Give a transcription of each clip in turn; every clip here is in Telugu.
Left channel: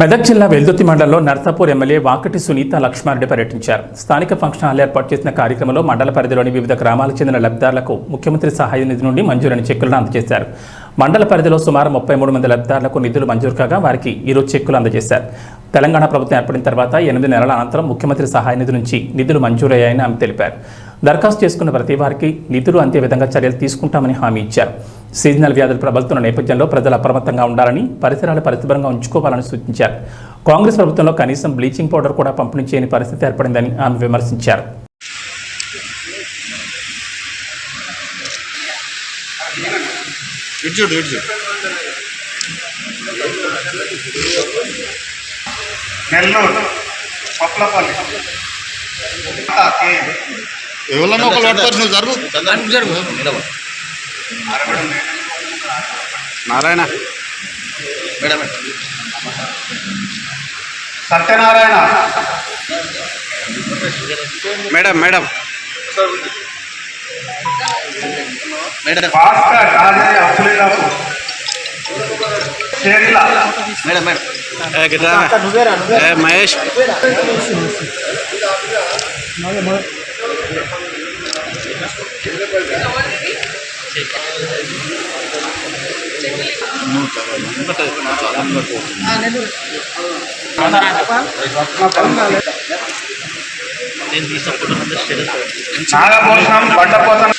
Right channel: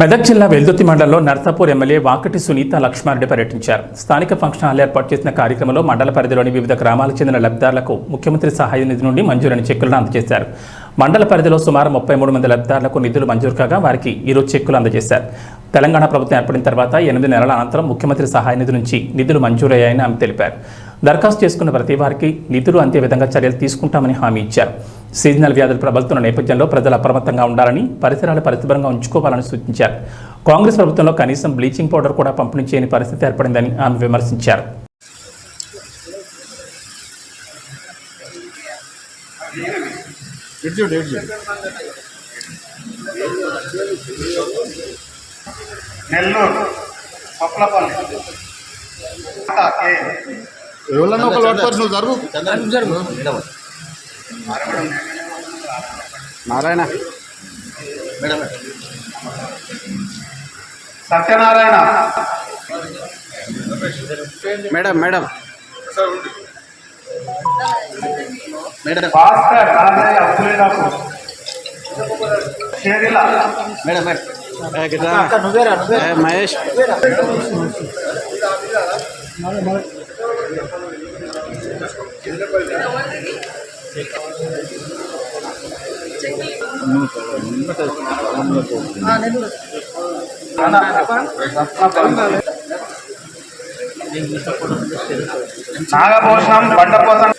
మెదక్ జిల్లా వెల్దుర్తి మండలంలో నర్సాపూర్ ఎమ్మెల్యే వాకటి సునీత లక్ష్మారెడ్డి పర్యటించారు. స్థానిక ఫంక్షన్ హాల్ ఏర్పాటు చేసిన కార్యక్రమంలో మండల పరిధిలోని వివిధ గ్రామాలకు చెందిన లబ్ధిదారులకు ముఖ్యమంత్రి సహాయ నిధి నుండి మంజూరైన చెక్కులను అందజేశారు. మండల పరిధిలో సుమారు 33 మంది లబ్ధిదారులకు నిధులు మంజూరు కాగా వారికి ఈరోజు చెక్కులు అందజేశారు. తెలంగాణ ప్రభుత్వం ఏర్పడిన తర్వాత 8 నెలల అనంతరం ముఖ్యమంత్రి సహాయ నిధి నుంచి నిధులు మంజూరయ్యాయని ఆమె తెలిపారు. దరఖాస్తు చేసుకున్న ప్రతి వారికి నిధులు అందే విధంగా చర్యలు తీసుకుంటామని హామీ ఇచ్చారు. సీజనల్ వ్యాధులు ప్రబలుతున్న నేపథ్యంలో ప్రజలు అప్రమత్తంగా ఉండాలని, పరిసరాలు పరిశుభ్రంగా ఉంచుకోవాలని సూచించారు. కాంగ్రెస్ ప్రభుత్వంలో కనీసం బ్లీచింగ్ పౌడర్ కూడా పంపిణీ చేయని పరిస్థితి ఏర్పడిందని ఆమె విమర్శించారు. ఎవరన్నా ఒకరు పడతారు, నువ్వు జరుగు నారాయణ సత్యనారాయణ మేడం మేడం భాస్కర్ రాజయ్య అప్పులేరావు షేరిలా మేడం మేడం మహేష్ నాగభూషణం బండపోతం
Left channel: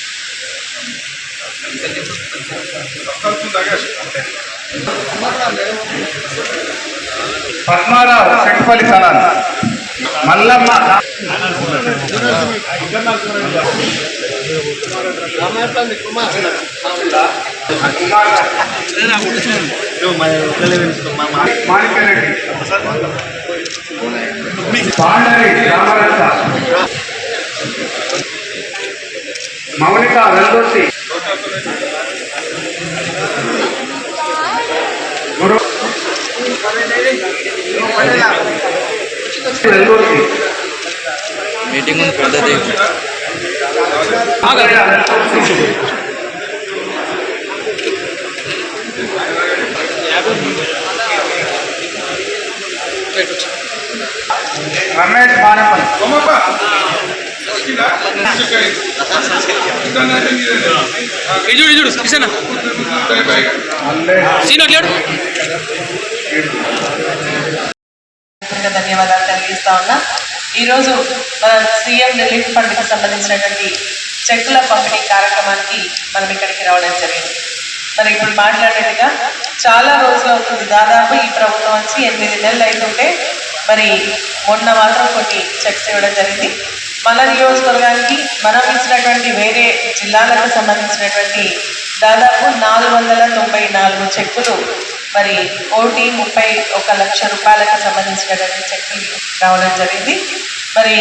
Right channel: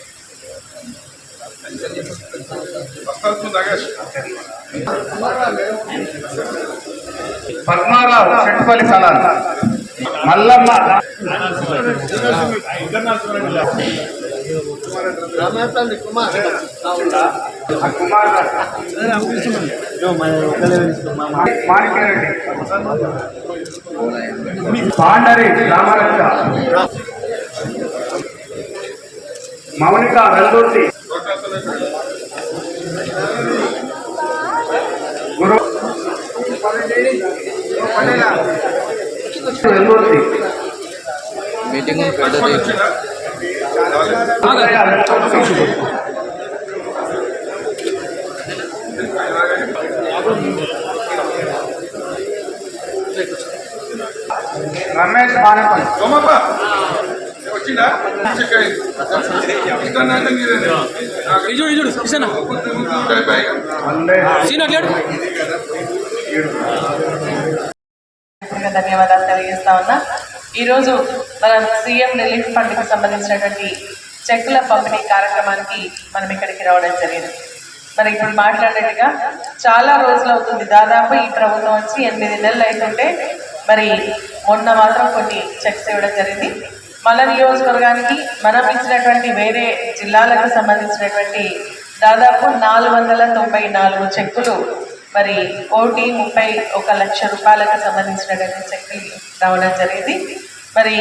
పద్మారావు సెంట్పల్లి కళాన్ మల్లమ్మ మాణిక్యరెడ్డి పాండరి రామరత్న మౌనిక వెల్దుర్తి గురు వెల్దుర్తి మీటింగ్ పద్ధతి రమేష్ మానపల్లి ధన్యవాదాలు తెలియజేస్తా ఉన్నా. ఈరోజు సీఎం రిలీఫ్ ఫండ్కి సంబంధించినటువంటి చెక్కుల పంపిణీ కార్యక్రమానికి మనం ఇక్కడికి రావడం జరిగింది. మరి ఇప్పుడు మాట్లాడినట్టుగా చాలా రోజులు అవుతుంది, దాదాపు ఈ ప్రభుత్వం వచ్చి 8 నెలలు అవుతుంటే మరి మొన్న మాత్రం కొన్ని చెక్స్ ఇవ్వడం జరిగింది. మన నియోజకవర్గానికి మనం ఇచ్చినటువంటి వేరే జిల్లాలకు సంబంధించినటువంటి దాదాపు 494 చెక్కులు మరి 1,31 లక్ష రూపాయలకు సంబంధించినటువంటి చెక్కులు రావడం జరిగింది. మరి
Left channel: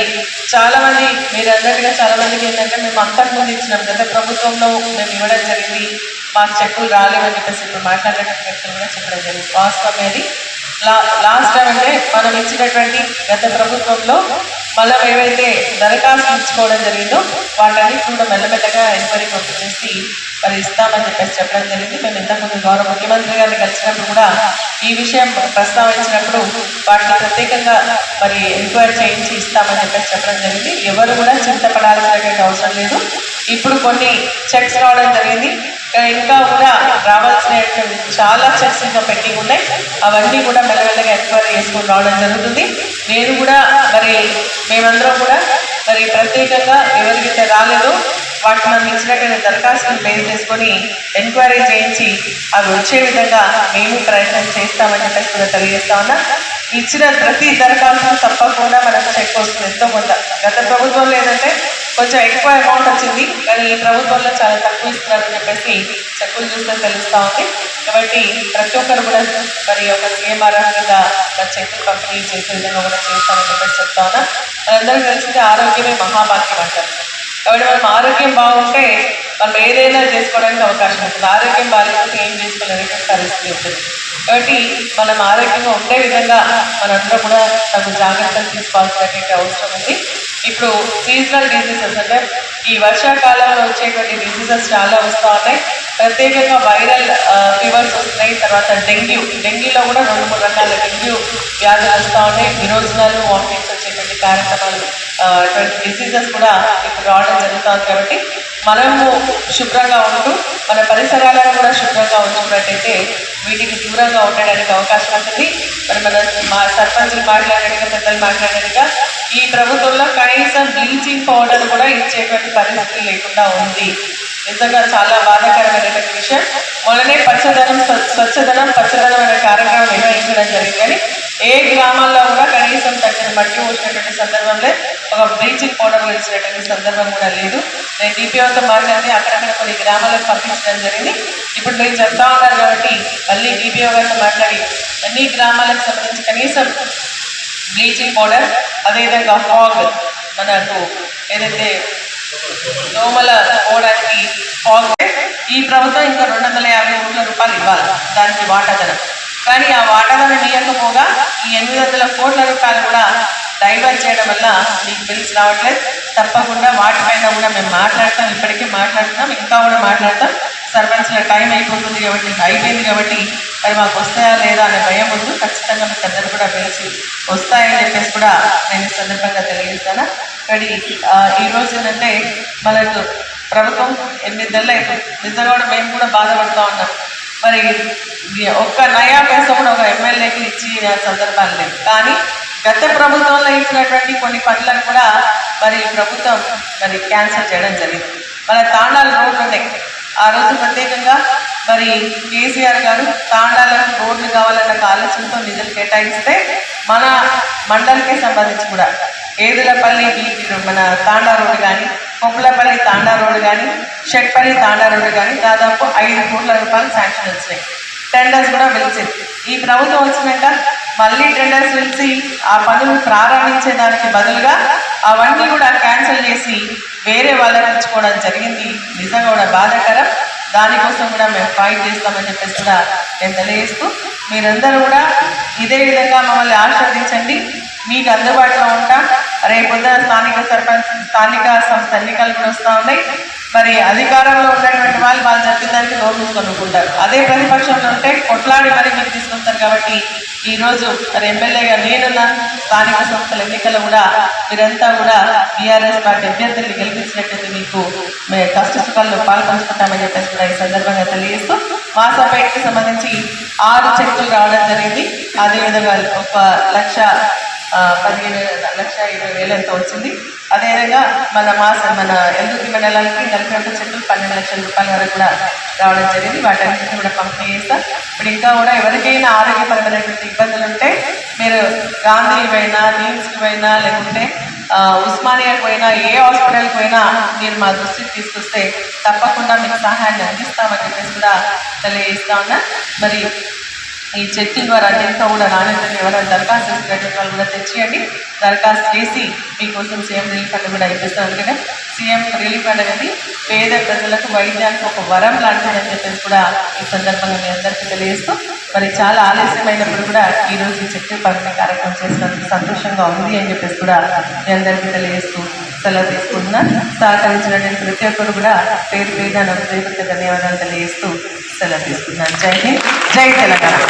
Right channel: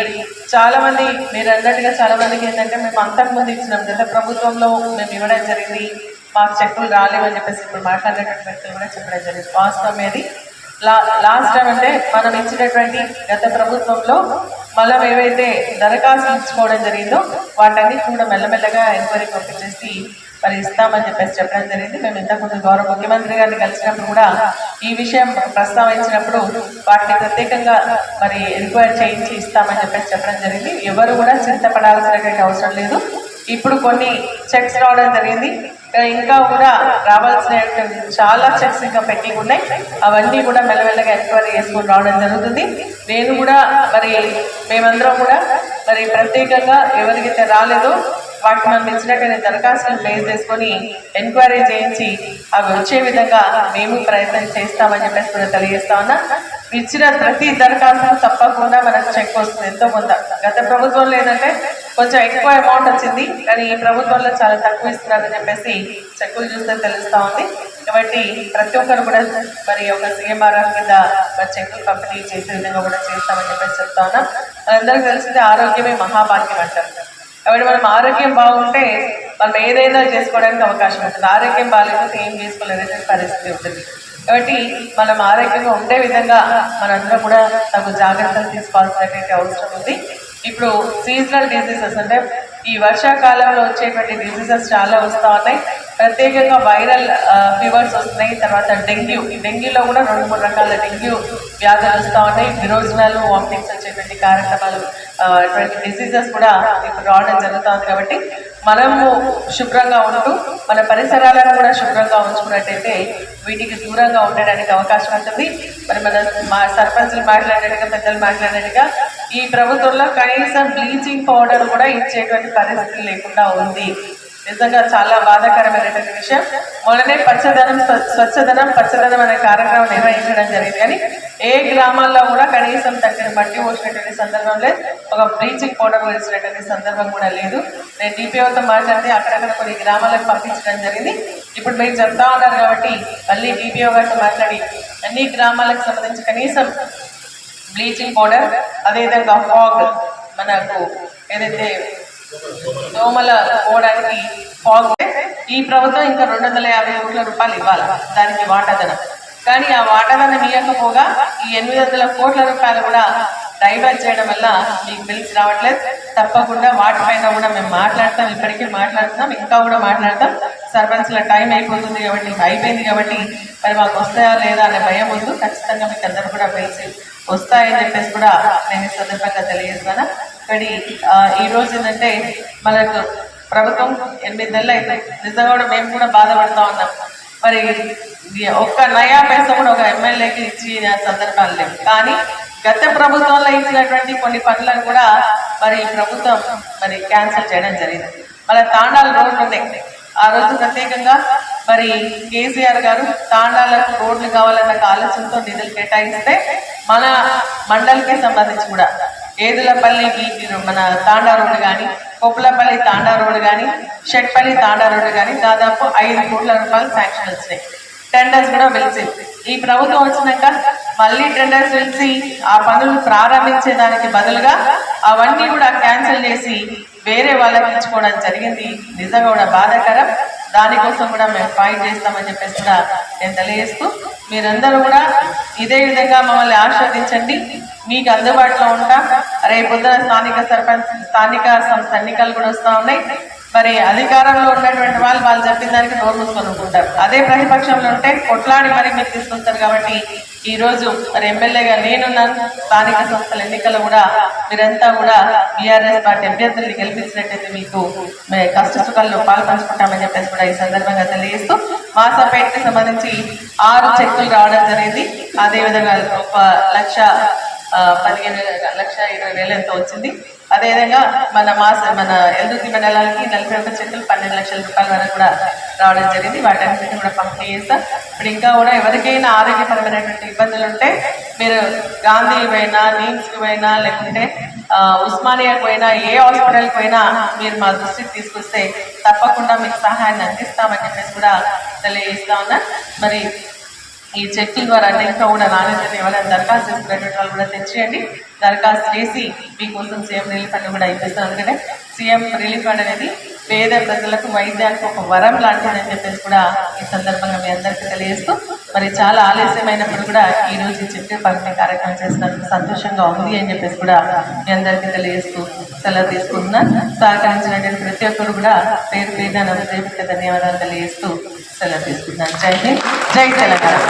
చాలామంది మీరు అన్నట్టుగా చాలామందికి ఏంటంటే మేము అంతకుముందు ఇచ్చినాం, గత ప్రభుత్వంలో మేము ఇవ్వడం జరిగింది, మాకు చెక్కులు రాలేవని చెప్పేసి ఇప్పుడు మాట్లాడినటువంటి వ్యక్తులు కూడా చెప్పడం జరిగింది. వాస్తవం అది లాస్ట్ టైం అంటే మనం ఇచ్చినటువంటి గత ప్రభుత్వంలో మనం ఏవైతే దరఖాస్తు ఇచ్చుకోవడం జరిగిందో వాటన్నిటి కూడా మెల్లమెల్లగా ఎంక్వైరీ పంపించేసి మరి ఇస్తామని చెప్పేసి చెప్పడం జరిగింది. మేము ఇంతకుముందు గౌరవ ముఖ్యమంత్రి గారిని కలిసినప్పుడు కూడా ఈ విషయం ప్రస్తావించినప్పుడు వాటిని ప్రత్యేకంగా మరి ఎంక్వైరీ చేయించి ఇస్తామని చెప్పేసి చెప్పడం జరిగింది. ఎవరు కూడా చింతపడాల్సినటువంటి అవసరం లేదు. ఇప్పుడు కొన్ని చెక్స్ రావడం జరిగింది, ఇంకా కూడా రావాల్సినటువంటి చాలా చెక్స్ ఇంకా పెండింగ్ ఉన్నాయి. అవన్నీ కూడా మెల్లమెల్లగా ఎంక్వైరీ చేసుకొని రావడం జరుగుతుంది. నేను కూడా మరి మేమందరం కూడా మరి ప్రత్యేకంగా ఎవరికైతే రాలేదో వాటి మనం ఇచ్చినటువంటి దరఖాస్తులు బేస్ చేసుకొని ఎంక్వైరీ చేయించి అవి వచ్చే విధంగా మేము ప్రయత్నం చేస్తామని చెప్పేసి కూడా తెలియజేస్తా ఉన్నా. ఇచ్చిన ప్రతి దరఖాస్తు తప్పకుండా మనకు చెక్ వస్తుంది ఎంతో కొంత. గత ప్రభుత్వంలో ఏంటంటే కొంచెం ఎక్కువ అమౌంట్ వచ్చింది, కానీ ఈ ప్రభుత్వంలో చాలా తక్కువ ఇస్తున్నారని చెప్పేసి చెక్కులు చూస్తే తెలుస్తూ ఉంది. కాబట్టి ప్రతి ఒక్కరు కూడా మరి ఒక సీఎంఆర్ఎఫ్ మీద చెక్కులు పంపిణీ చేసే విధంగా కూడా చేస్తామని చెప్పేసి చెప్తా ఉన్నా. మనందరికీ తెలిసింది ఆరోగ్యమే మహాభాగ్యం అంటారు. కాబట్టి మనం ఆరోగ్యం బాగుంటే మనం ఏదైనా చేసుకోవడానికి అవకాశం ఉంటుంది. ఆరోగ్యం బాగాలేకపోతే ఏం చేసుకోలేనటువంటి పరిస్థితి ఉంటుంది. కాబట్టి మనం ఆరోగ్యంగా ఉండే విధంగా మనందరం కూడా తగు జాగ్రత్తలు తీసుకోవాల్సినటువంటి అవసరం ఉంది. ఇప్పుడు సీజనల్ డిసీజెస్ అంటే ఈ వర్షాకాలంలో వచ్చేటువంటి డిసీజెస్ చాలా వస్తూ ఉన్నాయి. ప్రత్యేకంగా వైరల్ ఫీవర్స్ వస్తున్నాయి. తర్వాత డెంగ్యూలో కూడా 2-3 రకాల డెంగ్యూ వ్యాధులు వస్తూ ఉన్నాయి. విరోచనాలు, వామిటింగ్స్ వచ్చేటువంటి కార్యక్రమాలు, అటువంటి డిసీజెస్ కూడా ఇప్పుడు రావడం జరుగుతుంది. కాబట్టి మనము శుభ్రంగా ఉంటూ మన పరిసరాలను కూడా శుభ్రంగా ఉంచుకున్నట్టయితే వీటికి దూరంగా ఉండడానికి అవకాశం ఉంటుంది. మరి మా సర్పంచులు మాట్లాడినట్టుగా, పెద్దలు మాట్లాడినట్టుగా ఈ ప్రభుత్వంలో కనీసం బ్లీచింగ్ పౌడర్ కూడా ఇచ్చేటువంటి పరిస్థితి లేకుండా ఉంది. నిజంగా చాలా బాధాకరమైనటువంటి విషయం. మొన్ననే స్వచ్ఛదనం పచ్చదనం అనే కార్యక్రమం నిర్వహించడం జరిగింది. కానీ ఏ గ్రామాల్లో కూడా కనీసం తగిన మట్టి పోసినటువంటి సందర్భం లేదు, ఒక బ్లీచింగ్ పౌడర్ వేసినటువంటి సందర్భం కూడా లేదు. నేను డిపిఓతో మాట్లాడితే అక్కడక్కడ కొన్ని గ్రామాలకు పంపించడం జరిగింది. ఇప్పుడు మీరు చెప్తా ఉన్నారు కాబట్టి మళ్ళీ డిపిఓ గారితో మాట్లాడి అన్ని గ్రామాలకు సంబంధించి కనీసం బ్లీచింగ్ పౌడర్, అదేవిధంగా ఫాగ్, మనకు ఏదైతే దోమల పోవడానికి ఫాగ్, ఈ ప్రభుత్వం ఇంకా 250 కోట్ల రూపాయలు ఇవ్వాలి దానికి వాటాదనం. కానీ ఆ వాటాదనం ఇవ్వకపోగా ఈ 800 కోట్ల రూపాయలు కూడా డైవర్ట్ చేయడం వల్ల మీకు బిల్స్ రావట్లేదు. తప్పకుండా వాటిపైన కూడా మేము మాట్లాడతాం, ఇప్పటికీ మాట్లాడుతున్నాం, ఇంకా కూడా మాట్లాడతాం. సర్పంచ్ల టైం అయిపోయింది కాబట్టి మరి మాకు వస్తాయా లేదా అనే భయం ఉంది. ఖచ్చితంగా మీకు అందరూ కూడా బిల్స్ వస్తాయని చెప్పేసి కూడా నేను ఈ సందర్భంగా తెలియజేస్తాను. కానీ ఈరోజు ఏంటంటే మనకు ప్రభుత్వం 8 నెలలు అయిపోయింది. నిజంగా కూడా మేము కూడా బాధపడుతూ ఉన్నాం. మరి ఒక్క నయా పైసా కూడా ఒక ఎమ్మెల్యేకి ఇచ్చిన సందర్భాలు లేవు. కానీ గత ప్రభుత్వంలో ఇచ్చినటువంటి కొన్ని పనులను కూడా మరి ప్రభుత్వం మరి క్యాన్సిల్ చేయడం జరిగింది. మన తాండాల రోడ్లు ఉన్నాయి. ఆ రోజు ప్రత్యేకంగా మరి కేసీఆర్ గారు తాండాలకు రోడ్లు కావాలన్న ఆలోచనతో నిధులు కేటాయిస్తే మన మండలికి సంబంధించి కూడా ఏదులపల్లి మన తాండా రోడ్డు కానీ, కొప్పులపల్లి తాండా రోడ్డు కానీ, షెట్పల్లి తాండా రోడ్డు కానీ దాదాపు 5 కోట్ల రూపాయలు శాంక్షన్ వచ్చినాయి. టెండర్స్ కూడా పిలిచింది. ఈ ప్రభుత్వం వచ్చినాక మళ్ళీ టెండర్స్ పిలిచి ఆ పనులు ప్రారంభించేదానికి బదులుగా అవన్నీ కూడా క్యాన్సిల్ చేసి వేరే వాళ్ళకి ఇచ్చుకోవడం జరిగింది. నిజంగా కూడా బాధాకరం. దానికోసం కూడా మేము ఫైట్ చేస్తామని చెప్పేసి కూడా నేను తెలియజేస్తూ మీరందరూ కూడా ఇదే విధంగా మమ్మల్ని ఆశీర్వదించండి. మీకు అందుబాటులో ఉంటాం. రేపొద్దున స్థానిక సంస్థ ఎన్నికలు కూడా వస్తూ ఉన్నాయి. మరి అధికారంలో ఉన్నటువంటి వాళ్ళు చెప్పిన దానికి నోరు మూసుకొనుకుంటారు. అదే ప్రతిపక్షంలో ఉంటే కొట్లాడి మరి మీరు తీసుకొస్తారు. కాబట్టి ఈరోజు మరి ఎమ్మెల్యేగా నేనున్నాను. స్థానిక సంస్థల ఎన్నికలు కూడా మీరంతా కూడా బీఆర్ఎస్ పార్టీ అభ్యర్థుల్ని గెలిపించినట్లయితే మీకు మేము కష్ట సుఖాల్లో పాల్పంచుకుంటామని చెప్పేసి కూడా ఈ సందర్భంగా తెలియజేస్తూ మాసాపేటకి సంబంధించి 6 చెక్కులు రావడం జరిగింది. అదేవిధంగా 1,15,20,000 ఎంతో వచ్చింది. అదేవిధంగా మన ఎల్దుర్తి మండలానికి 41 చెక్కులు 12 లక్షల రూపాయల వరకు కూడా రావడం జరిగింది. వాటన్నిటిని కూడా పంపిణీ చేస్తాం. ఇప్పుడు ఇంకా కూడా ఎవరికైనా ఆరోగ్యపరమైనటువంటి ఇబ్బందులు ఉంటే మీరు గాంధీకి పోయినా, నిమ్స్కి పోయినా, లేకుంటే ఉస్మానియాకి పోయినా, ఏ హాస్పిటల్కి పోయినా మీరు మా దృష్టికి తీసుకొస్తే తప్పకుండా మీకు సహాయాన్ని అందిస్తామని చెప్పేసి కూడా తెలియజేస్తా ఉన్నా. మరి ఈ చెక్కుల ద్వారా అంటే ఇంకా కూడా నాణ్యతను ఎవరైనా దరఖాస్తు చేసుకునేటువంటి వాళ్ళు కూడా తెచ్చేయండి. దరఖాస్తు చేసి మీకోసం సీఎం రిలీఫ్ ఫండ్ కూడా ఇప్పిస్తాం. ఎందుకంటే సీఎం రిలీఫ్ ఫండ్ అనేది పేద ప్రజలకు వైద్యానికి ఒక వరం లాంటిదని చెప్పేసి కూడా ఈ సందర్భంగా మీ అందరికీ తెలియజేస్తూ మరి చాలా ఆలస్యమైనప్పుడు కూడా ఈరోజు ఈ చెట్టు పంపిణీ కార్యక్రమం చేసినందుకు సంతోషంగా ఉంది అని చెప్పేసి కూడా మీ అందరికీ తెలియజేస్తూ సెలవు తీసుకుంటున్నా. సహకరించినటువంటి ప్రతి ఒక్కరు కూడా పేరు పేరున హృదయపూర్వక ధన్యవాదాలు తెలియజేస్తూ సెలవు తీసుకున్నాను. జై హింద్, జై తెలంగాణ.